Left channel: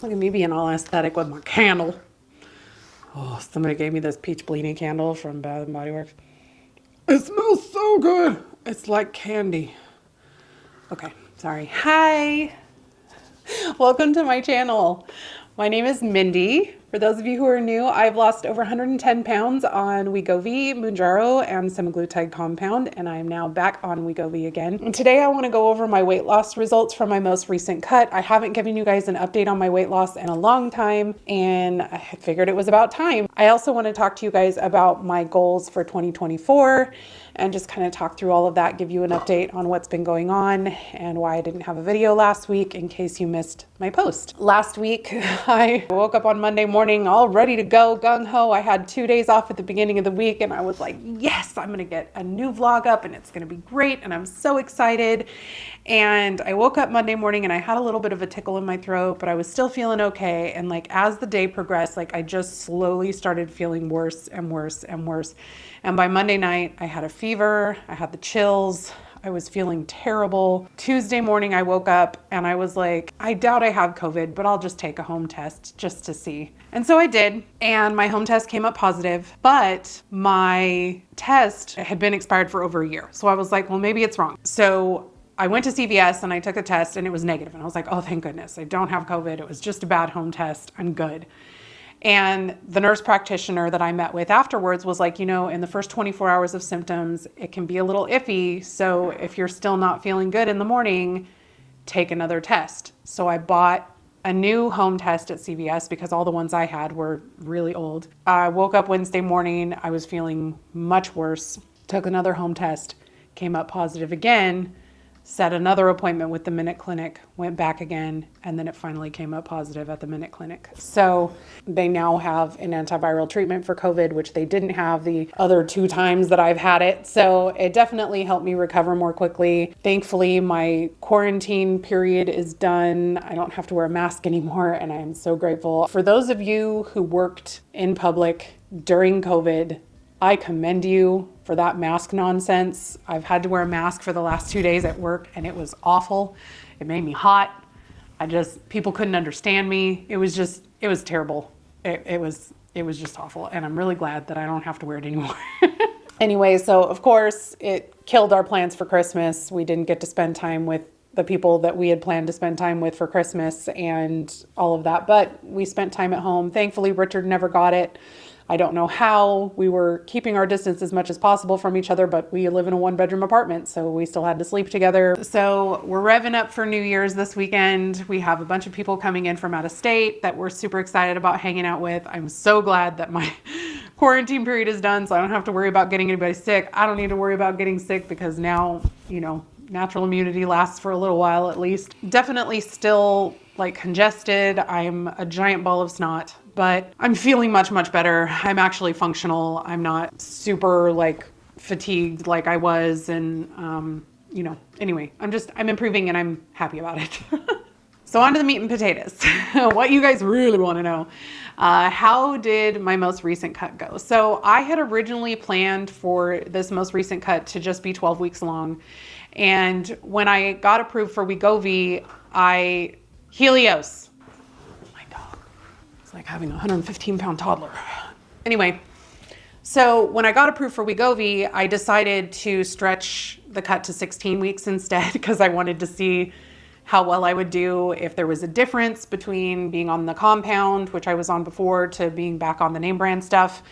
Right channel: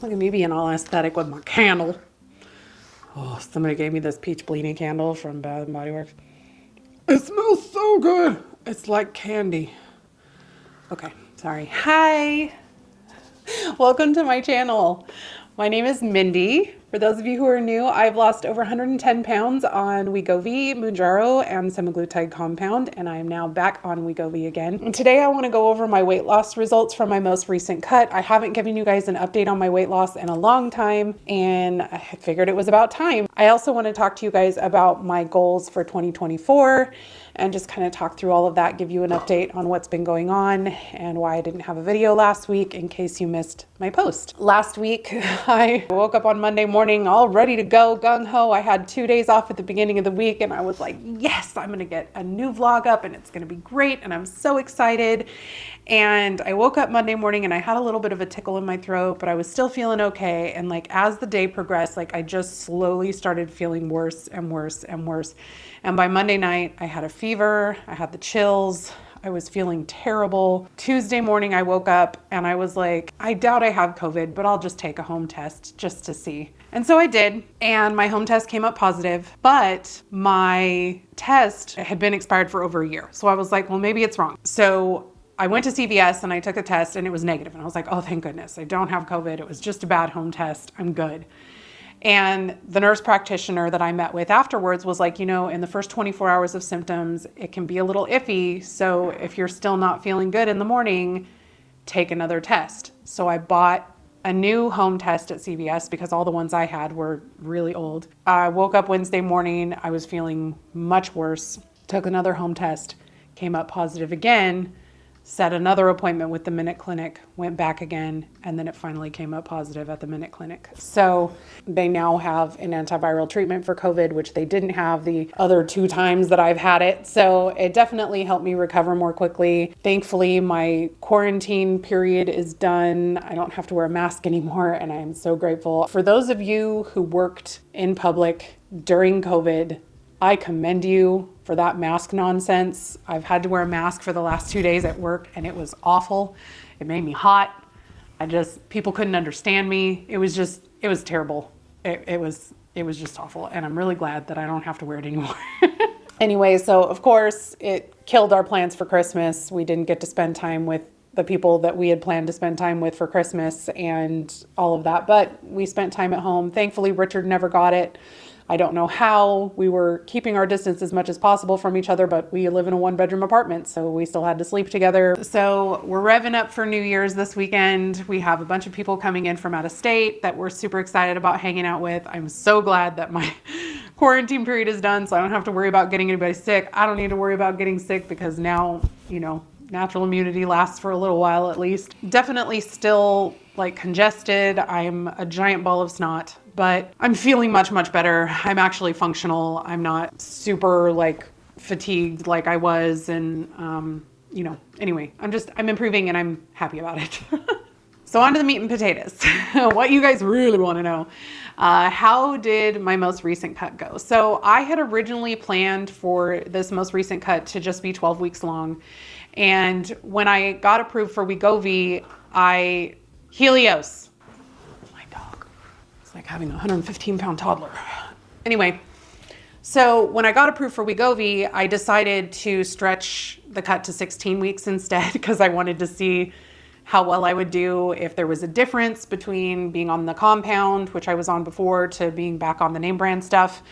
Look at me being all aesthetic with my candle. Oh, somebody gave me this peach bleeding candle from Bath and Body Works. It smells so good. It's like candy. Okay, sorry. Hi. Welcome to my channel. My name is Mindy. For those of you who are new, I've lost over 110 pounds on Wegovy, Mounjaro, and semaglutide compound, and I am now back on Wegovy again. And today I want to go over my weight loss results from my most recent cut. I haven't given you guys an update on my weight loss in a long time, and I figured it was about time. I also want to talk to you guys about my goals for 2024 and just kind of talk through all of that, give you an update on what's been going on and why I didn't have a video last week in case you missed my post. Last week, I woke up on Monday morning all ready to go, gung-ho. I had 2 days off at the beginning of the week and I was like, yes, I'm gonna get a new vlog up and it's gonna be great and I'm so excited. And I woke up Monday morning and I had a little bit of a tickle in my throat, but I was still feeling okay. And like as the day progressed, like I just slowly started feeling worse and worse and worse. And by Monday night, I had a fever, I had the chills, I was feeling terrible. Tuesday morning, I woke up and I was like, I doubt I have COVID, but I'll just take a home test just to see. And so I did, and my home test came up positive, but my test had been expired for over a year. So I was like, well, maybe it's wrong. So I went to CVS and I took a test and it was negative. And I was like, oh, thank goodness, I don't have COVID. It was just a bad home test. I'm good. And the nurse practitioner that I met with afterwards was like, you know, in the first 24 hours of symptoms, it can be a little iffy. So if you're still not feeling good in the morning, take another test. So I bought a new home test at CVS because all the ones I had were really old. I woke up Wednesday morning. I was feeling much worse. Took another home test, came up positive again. Set another appointment with the Minute Clinic, went back again, and then it finally came up positive at the Minute Clinic. So they now have an antiviral treatment for COVID, which they didn't have the other 2 times that I've had it. So it definitely helped me recover more quickly. Thankfully, my quarantine period is done. I don't have to wear a mask anymore, and I am so grateful. For those of you who worked in public during COVID, I commend you for that mask nonsense. I've had to wear a mask for the last 2 days at work and it was awful. It made me hot. People couldn't understand me. It was terrible. It was just awful. And I'm really glad that I don't have to wear it anymore. Anyway, so of course it killed our plans for Christmas. We didn't get to spend time with the people that we had planned to spend time with for Christmas and all of that, but we spent time at home. Thankfully, Richard never got it. I don't know how. We were keeping our distance as much as possible from each other, but we live in a 1-bedroom apartment, so we still had to sleep together. So we're revving up for New Year's this weekend. We have a bunch of people coming in from out of state that we're super excited about hanging out with. I'm so glad that my quarantine period is done, so I don't have to worry about getting anybody sick. I don't need to worry about getting sick because now, you know, natural immunity lasts for a little while at least. Definitely still like congested. I'm a giant ball of snot, but I'm feeling much, much better. I'm actually functional. I'm not super like fatigued like I was. And, you know, anyway, I'm improving and I'm happy about it. So on to the meat and potatoes. What you guys really want to know. How did my most recent cut go? So I had originally planned for this most recent cut to just be 12 weeks long. And when I got approved for Wegovy, Helios, my dog, it's like having a 115-pound toddler. Anyway, so when I got approved for Wegovy, I decided to stretch the cut to 16 weeks instead because I wanted to see how well I would do, if there was a difference between being on the compound, which I was on before, to being back on the name brand stuff.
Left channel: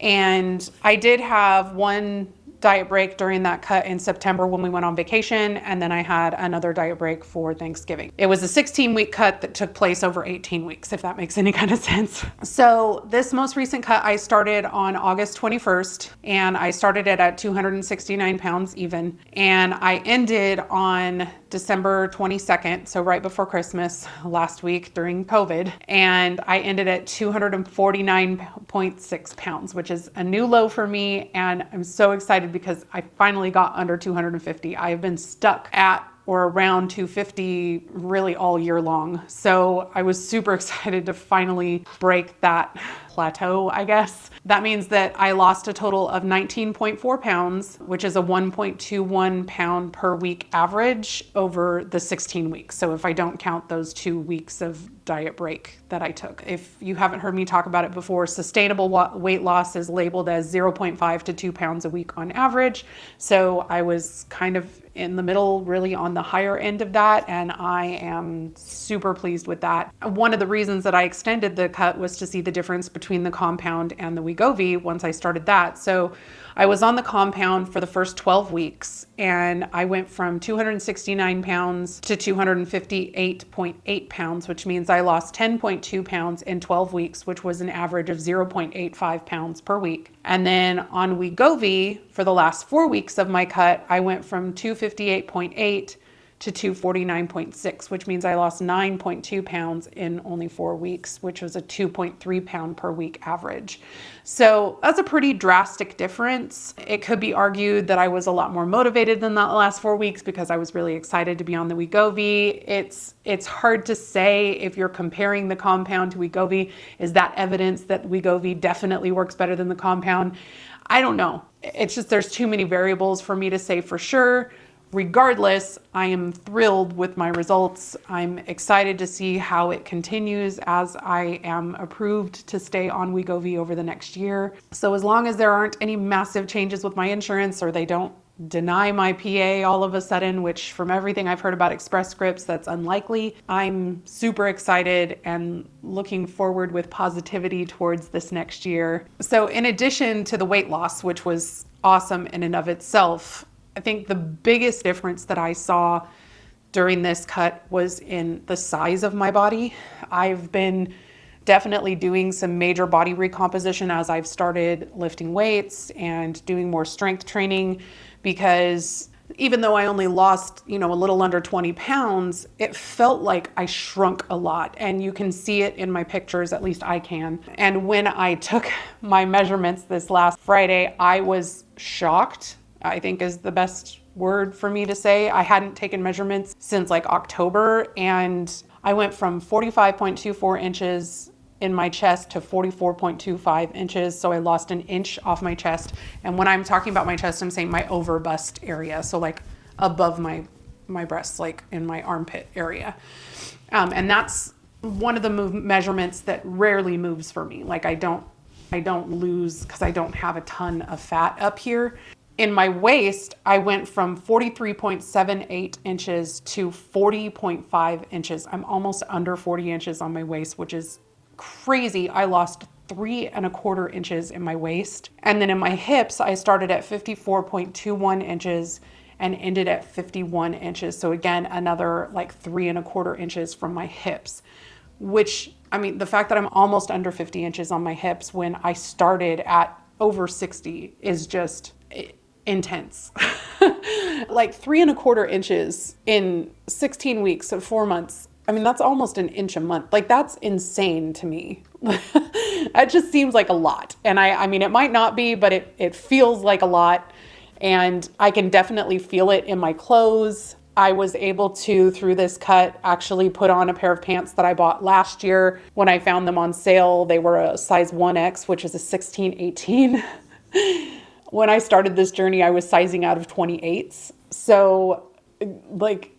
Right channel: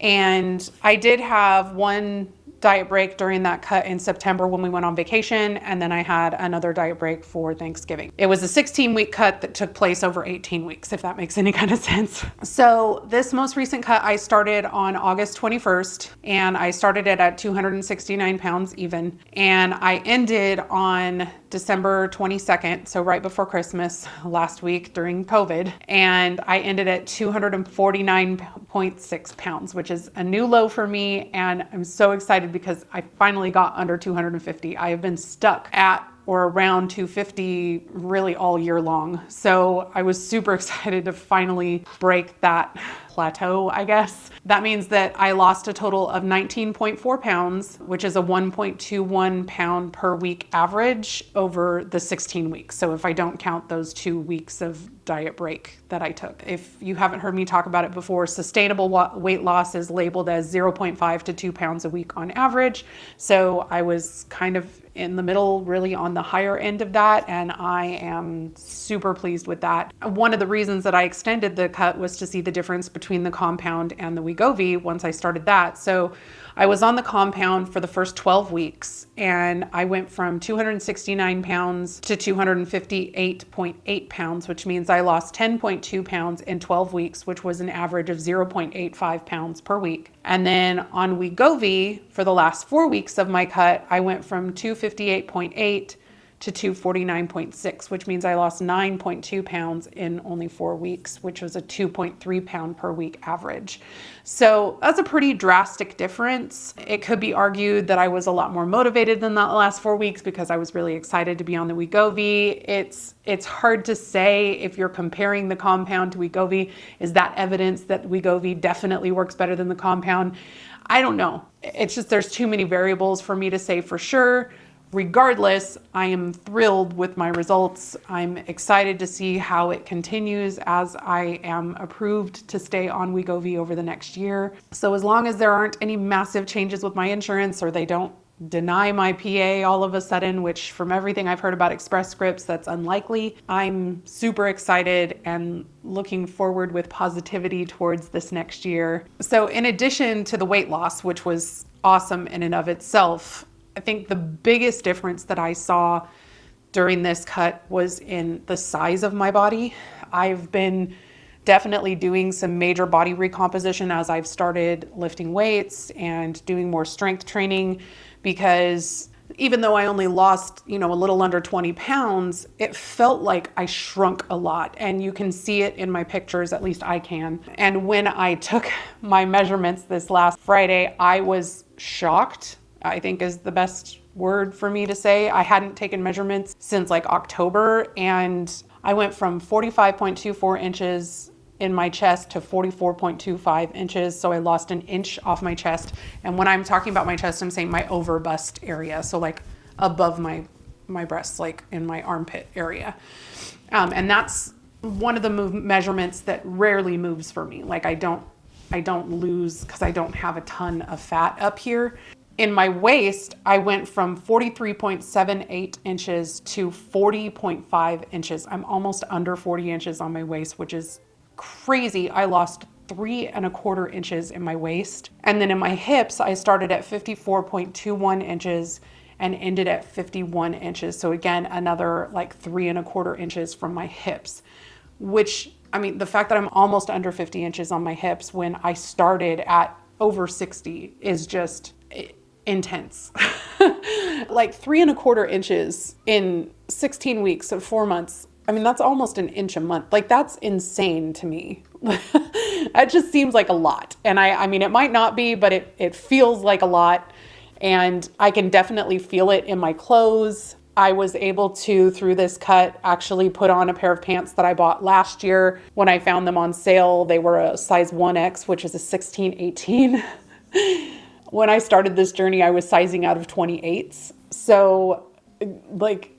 And I did have one diet break during that cut in September when we went on vacation, and then I had another diet break for Thanksgiving. It was a 16-week cut that took place over 18 weeks, if that makes any kind of sense. So this most recent cut I started on August 21st, and I started it at 269 pounds even, and I ended on December 22nd, so right before Christmas, last week during COVID, and I ended at 249.6 pounds, which is a new low for me, and I'm so excited because I finally got under 250. I have been stuck at or around 250 really all year long. So I was super excited to finally break that plateau, I guess. That means that I lost a total of 19.4 pounds, which is a 1.21 pound per week average over the 16 weeks. So if I don't count those 2 weeks of diet break that I took. If you haven't heard me talk about it before, sustainable weight loss is labeled as 0.5 to 2 pounds a week on average. So I was kind of in the middle, really on the higher end of that, and I am super pleased with that. One of the reasons that I extended the cut was to see the difference between the compound and the Wegovy once I started that. So I was on the compound for the first 12 weeks, and I went from 269 pounds to 258.8 pounds, which means I lost 10.2 pounds in 12 weeks, which was an average of 0.85 pounds per week. And then on Wegovy, for the last 4 weeks of my cut, I went from 258.8 to 249.6, which means I lost 9.2 pounds in only 4 weeks, which was a 2.3 pound per week average. So that's a pretty drastic difference. It could be argued that I was a lot more motivated than the last 4 weeks because I was really excited to be on the Wegovy. It's hard to say if you're comparing the compound to Wegovy. Is that evidence that Wegovy definitely works better than the compound? I don't know. It's just there's too many variables for me to say for sure. Regardless, I am thrilled with my results. I'm excited to see how it continues as I am approved to stay on Wegovy over the next year. So as long as there aren't any massive changes with my insurance or they don't deny my PA all of a sudden, which from everything I've heard about Express Scripts, that's unlikely, I'm super excited and looking forward with positivity towards this next year. So in addition to the weight loss, which was awesome in and of itself, I think the biggest difference that I saw during this cut was in the size of my body. I've been definitely doing some major body recomposition as I've started lifting weights and doing more strength training, because even though I only lost, a little under 20 pounds, it felt like I shrunk a lot. And you can see it in my pictures, at least I can. And when I took my measurements this last Friday, I was shocked, I think is the best word for me to say. I hadn't taken measurements since like October, and I went from 45.24 inches in my chest to 44.25 inches. So I lost an inch off my chest. And when I'm talking about my chest, I'm saying my over bust area. So like above my breasts, like in my armpit area. And that's one of the measurements that rarely moves for me. Like I don't lose because I don't have a ton of fat up here. In my waist, I went from 43.78 inches to 40.5 inches. I'm almost under 40 inches on my waist, which is crazy. I lost 3.25 inches in my waist. And then in my hips, I started at 54.21 inches and ended at 51 inches. So again, another like 3.25 inches from my hips, which, the fact that I'm almost under 50 inches on my hips when I started at over 60 is just intense. Like 3.25 inches in 16 weeks of 4 months. That's almost an inch a month. Like that's insane to me. It just seems like a lot. And it might not be, but it feels like a lot. And I can definitely feel it in my clothes. I was able to, through this cut, actually put on a pair of pants that I bought last year when I found them on sale. They were a size 1X, which is a 16-18. When I started this journey, I was sizing out of 28s. So like,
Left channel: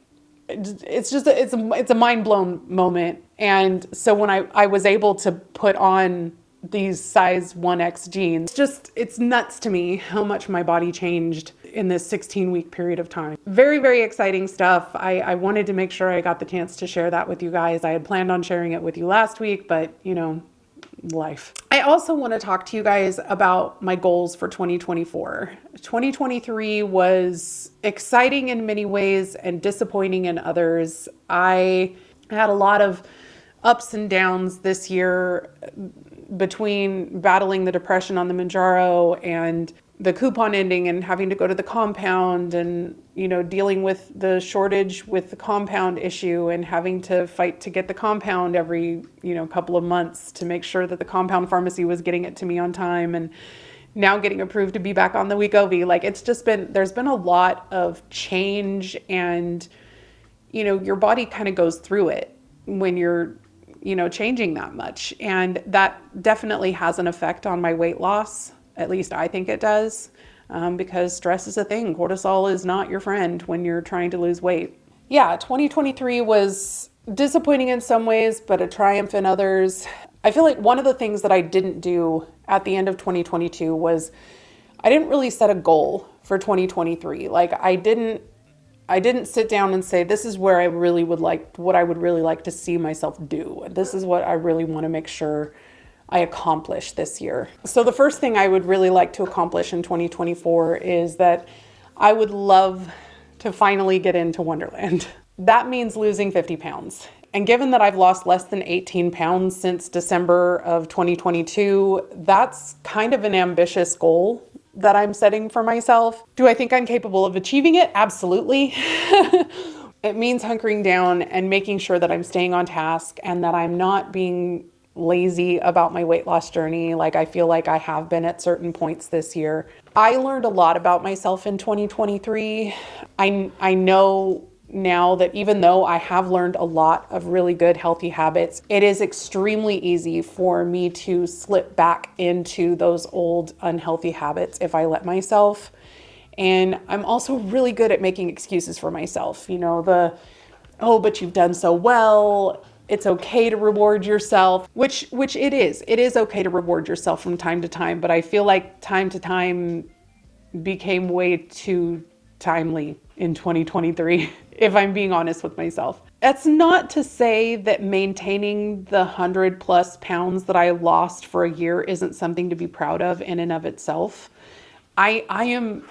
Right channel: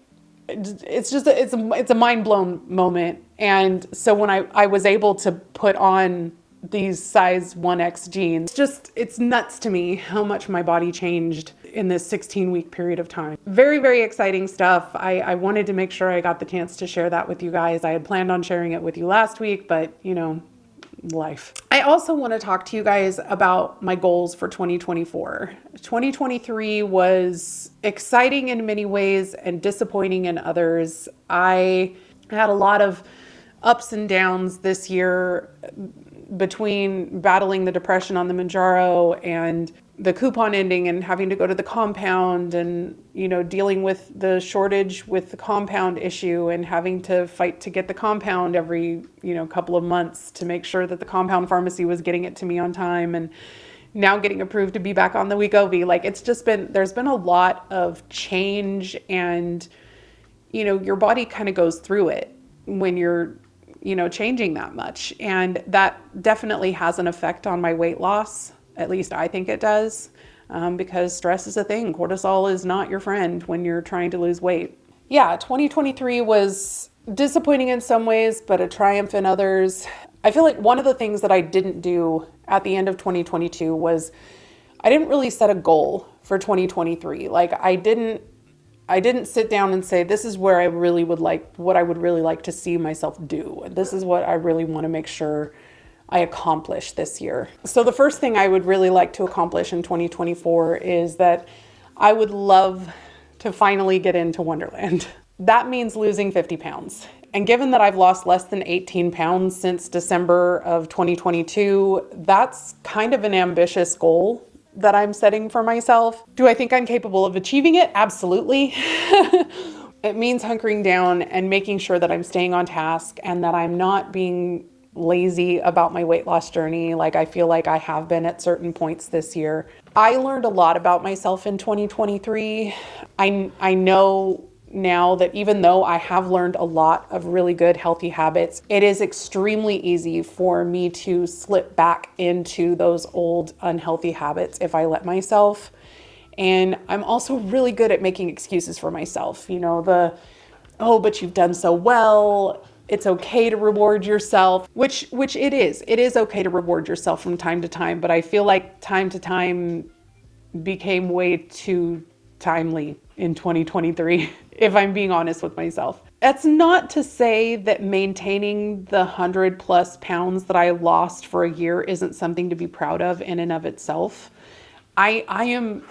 it's a mind blown moment. And so when I was able to put on these size 1X jeans, it's nuts to me how much my body changed in this 16-week period of time. Very, very exciting stuff. I wanted to make sure I got the chance to share that with you guys. I had planned on sharing it with you last week, but life. I also want to talk to you guys about my goals for 2024. 2023 was exciting in many ways and disappointing in others. I had a lot of ups and downs this year between battling the depression on the Mounjaro and the coupon ending and having to go to the compound and, dealing with the shortage with the compound issue and having to fight to get the compound every, couple of months to make sure that the compound pharmacy was getting it to me on time, and now getting approved to be back on the Wegovy. Like there's been a lot of change, and, your body kind of goes through it when you're changing that much. And that definitely has an effect on my weight loss. At least I think it does, because stress is a thing. Cortisol is not your friend when you're trying to lose weight. Yeah, 2023 was disappointing in some ways, but a triumph in others. I feel like one of the things that I didn't do at the end of 2022 was I didn't really set a goal for 2023. Like I didn't sit down and say, this is where what I would really like to see myself do. This is what I really want to make sure I accomplish this year. So the first thing I would really like to accomplish in 2024 is that I would love to finally get into Wonderland. That means losing 50 pounds. And given that I've lost less than 18 pounds since December of 2022, that's kind of an ambitious goal that I'm setting for myself. Do I think I'm capable of achieving it? Absolutely. It means hunkering down and making sure that I'm staying on task and that I'm not being lazy about my weight loss journey like I feel like I have been at certain points this year. I learned a lot about myself in 2023. I know now that even though I have learned a lot of really good healthy habits, it is extremely easy for me to slip back into those old unhealthy habits if I let myself. And I'm also really good at making excuses for myself. But you've done so well. It's okay to reward yourself, which it is. It is okay to reward yourself from time to time, but I feel like time to time became way too timely in 2023, if I'm being honest with myself. That's not to say that maintaining the 100+ pounds that I lost for a year isn't something to be proud of in and of itself. I am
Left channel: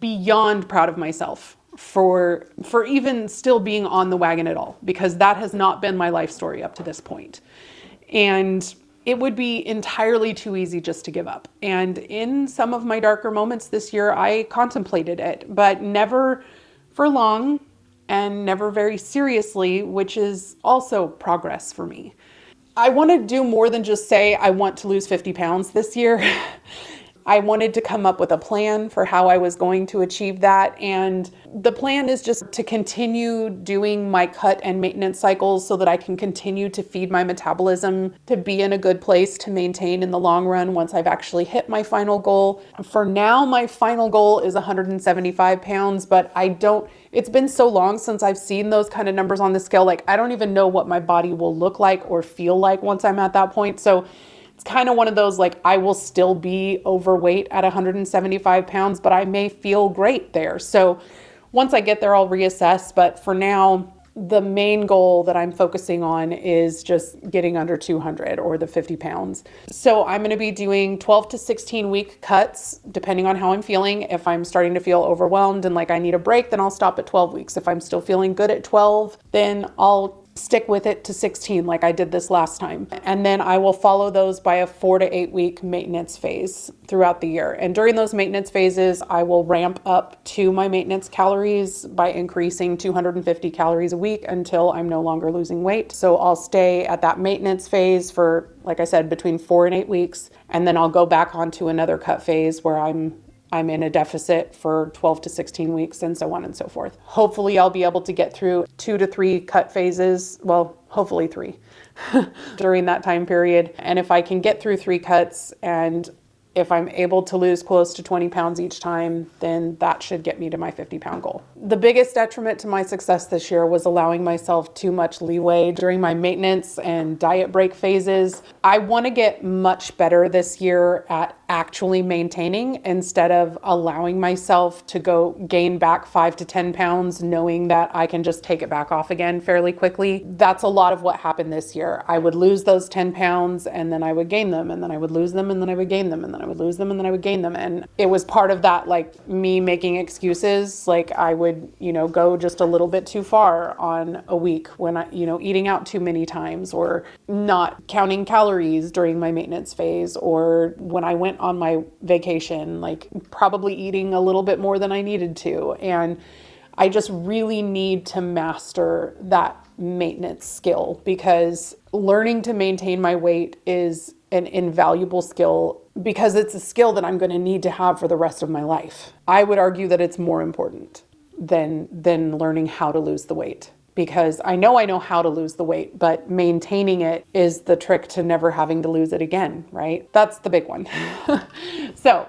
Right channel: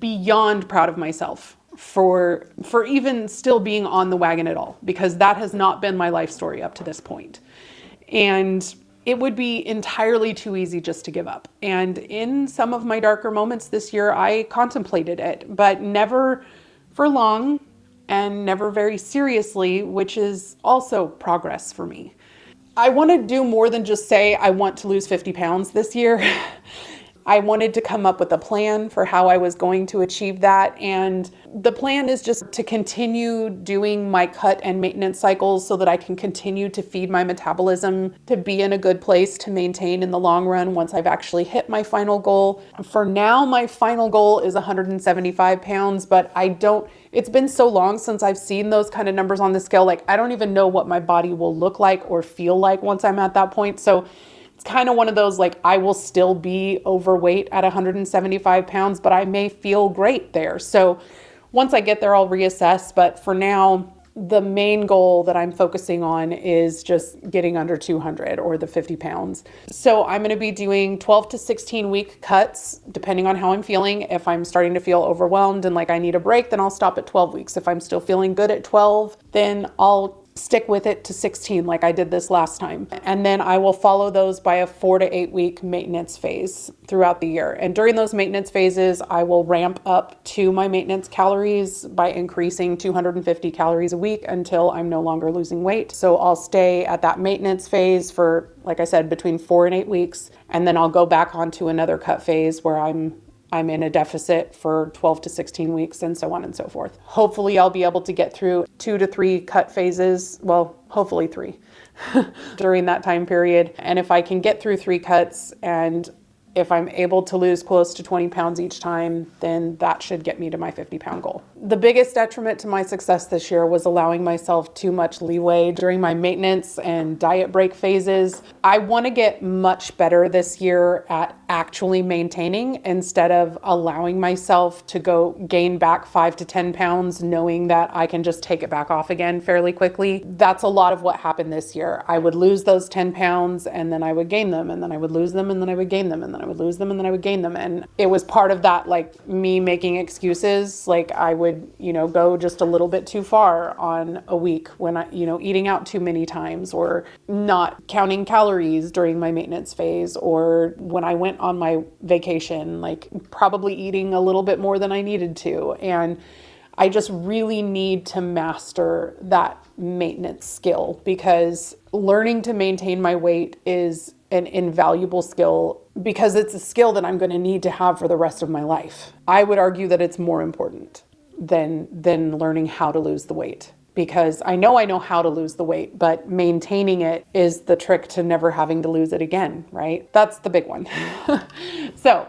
beyond proud of myself for even still being on the wagon at all, because that has not been my life story up to this point. And it would be entirely too easy just to give up. And in some of my darker moments this year, I contemplated it, but never for long and never very seriously, which is also progress for me. I want to do more than just say I want to lose 50 pounds this year. I wanted to come up with a plan for how I was going to achieve that. And the plan is just to continue doing my cut and maintenance cycles so that I can continue to feed my metabolism to be in a good place to maintain in the long run once I've actually hit my final goal. For now, my final goal is 175 pounds, but it's been so long since I've seen those kind of numbers on the scale. Like, I don't even know what my body will look like or feel like once I'm at that point. So it's kind of one of those, like, I will still be overweight at 175 pounds, but I may feel great there. So once I get there, I'll reassess. But for now, the main goal that I'm focusing on is just getting under 200 or the 50 pounds. So I'm going to be doing 12 to 16 week cuts, depending on how I'm feeling. If I'm starting to feel overwhelmed and like I need a break, then I'll stop at 12 weeks. If I'm still feeling good at 12, then I'll stick with it to 16 like I did this last time. And then I will follow those by a 4 to 8 week maintenance phase throughout the year. And during those maintenance phases, I will ramp up to my maintenance calories by increasing 250 calories a week until I'm no longer losing weight. So I'll stay at that maintenance phase for, like I said, between 4 and 8 weeks. And then I'll go back onto another cut phase where I'm in a deficit for 12 to 16 weeks and so on and so forth. Hopefully I'll be able to get through 2 to 3 cut phases. Well, hopefully 3 during that time period. And if I can get through 3 cuts and if I'm able to lose close to 20 pounds each time, then that should get me to my 50 pound goal. The biggest detriment to my success this year was allowing myself too much leeway during my maintenance and diet break phases. I want to get much better this year at actually maintaining instead of allowing myself to go gain back 5 to 10 pounds, knowing that I can just take it back off again fairly quickly. That's a lot of what happened this year. I would lose those 10 pounds and then I would gain them, and then I would lose them and then I would gain them, and then I would lose them and then I would gain them. And it was part of that, like, me making excuses. Like, I would, go just a little bit too far on a week when I, eating out too many times, or not counting calories during my maintenance phase, or when I went on my vacation, like probably eating a little bit more than I needed to. And I just really need to master that maintenance skill, because learning to maintain my weight is an invaluable skill, because it's a skill that I'm going to need to have for the rest of my life. I would argue that it's more important than learning how to lose the weight. because I know how to lose the weight, but maintaining it is the trick to never having to lose it again, right? That's the big one. So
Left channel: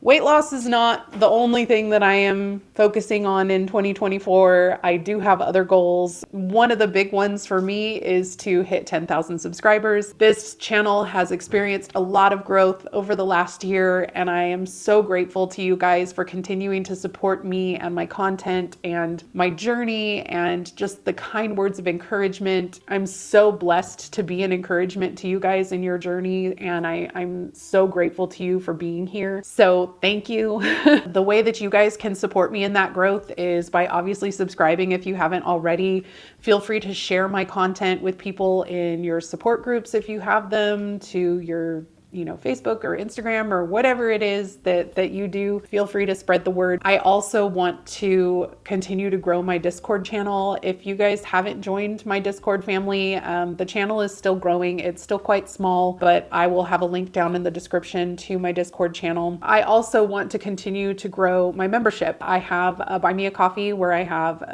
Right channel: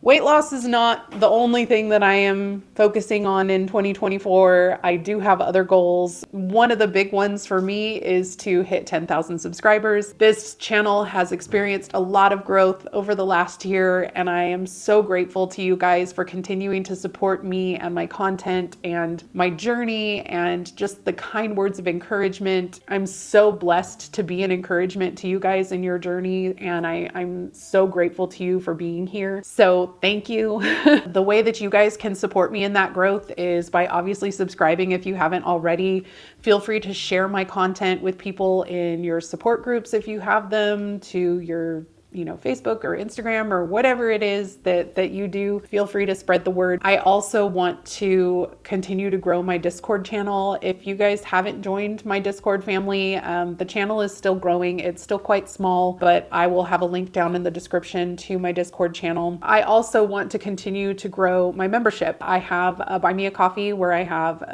weight loss is not the only thing that I am focusing on in 2024. I do have other goals. One of the big ones for me is to hit 10,000 subscribers. This channel has experienced a lot of growth over the last year, and I am so grateful to you guys for continuing to support me and my content and my journey and just the kind words of encouragement. I'm so blessed to be an encouragement to you guys in your journey, and I'm so grateful to you for being here. So thank you. The way that you guys can support me in that growth is by obviously subscribing if you haven't already. Feel free to share my content with people in your support groups if you have them, to your Facebook or Instagram or whatever it is that you do. Feel free to spread the word. I also want to continue to grow my Discord channel. If you guys haven't joined my Discord family, the channel is still growing. It's still quite small, but I will have a link down in the description to my Discord channel. I also want to continue to grow my membership. I have a Buy Me a Coffee where I have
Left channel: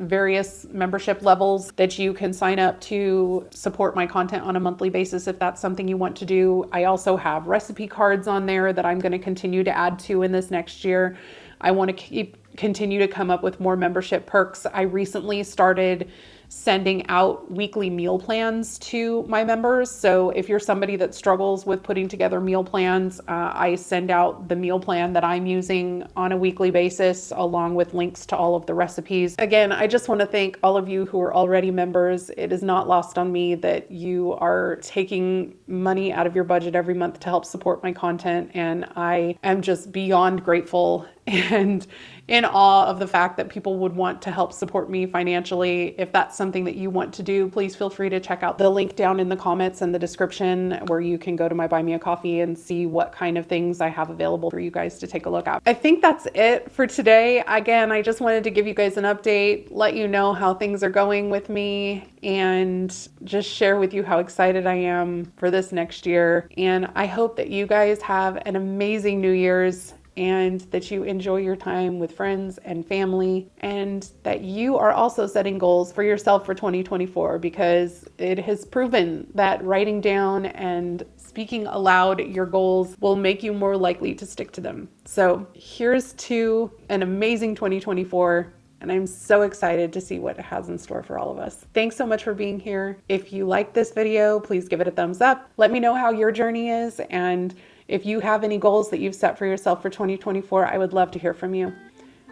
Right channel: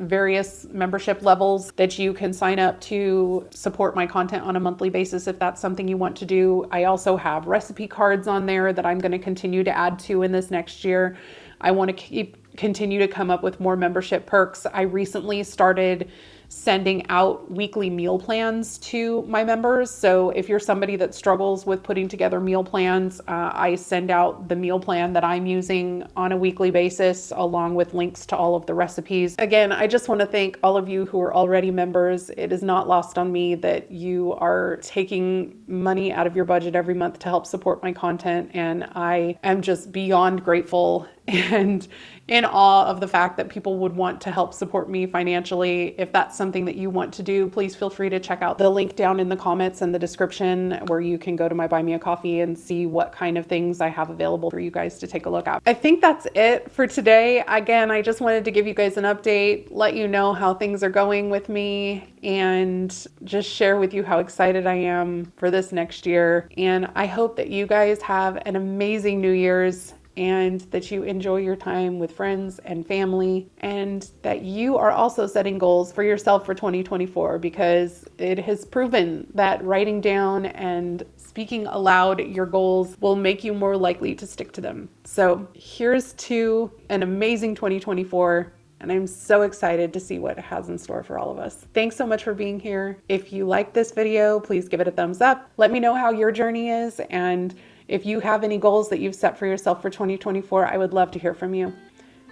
various membership levels that you can sign up to support my content on a monthly basis if that's something you want to do. I also have recipe cards on there that I'm going to continue to add to in this next year. I want to continue to come up with more membership perks. I recently started sending out weekly meal plans to my members. So if you're somebody that struggles with putting together meal plans, I send out the meal plan that I'm using on a weekly basis, along with links to all of the recipes. Again, I just want to thank all of you who are already members. It is not lost on me that you are taking money out of your budget every month to help support my content. And I am just beyond grateful and in awe of the fact that people would want to help support me financially. If that's something that you want to do, please feel free to check out the link down in the comments and the description where you can go to my Buy Me a Coffee and see what kind of things I have available for you guys to take a look at. I think that's it for today. Again, I just wanted to give you guys an update, let you know how things are going with me, and just share with you how excited I am for this next year. And I hope that you guys have an amazing New Year's, and that you enjoy your time with friends and family, and that you are also setting goals for yourself for 2024, because it has proven that writing down and speaking aloud your goals will make you more likely to stick to them. So here's to an amazing 2024. And I'm so excited to see what it has in store for all of us. Thanks so much for being here. If you like this video, please give it a thumbs up. Let me know how your journey is. And if you have any goals that you've set for yourself for 2024, I would love to hear from you.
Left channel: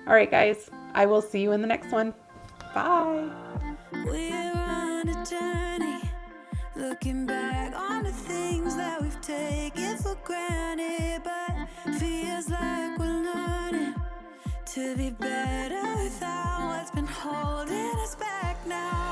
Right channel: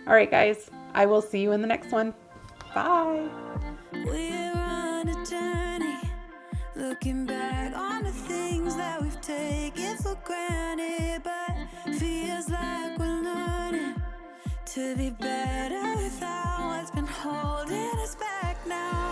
All right, guys, I will see you in the next one. Bye. We're on a journey, looking back on the things that we've taken for granted, but feels like we're learning to be better without what's been holding us back now.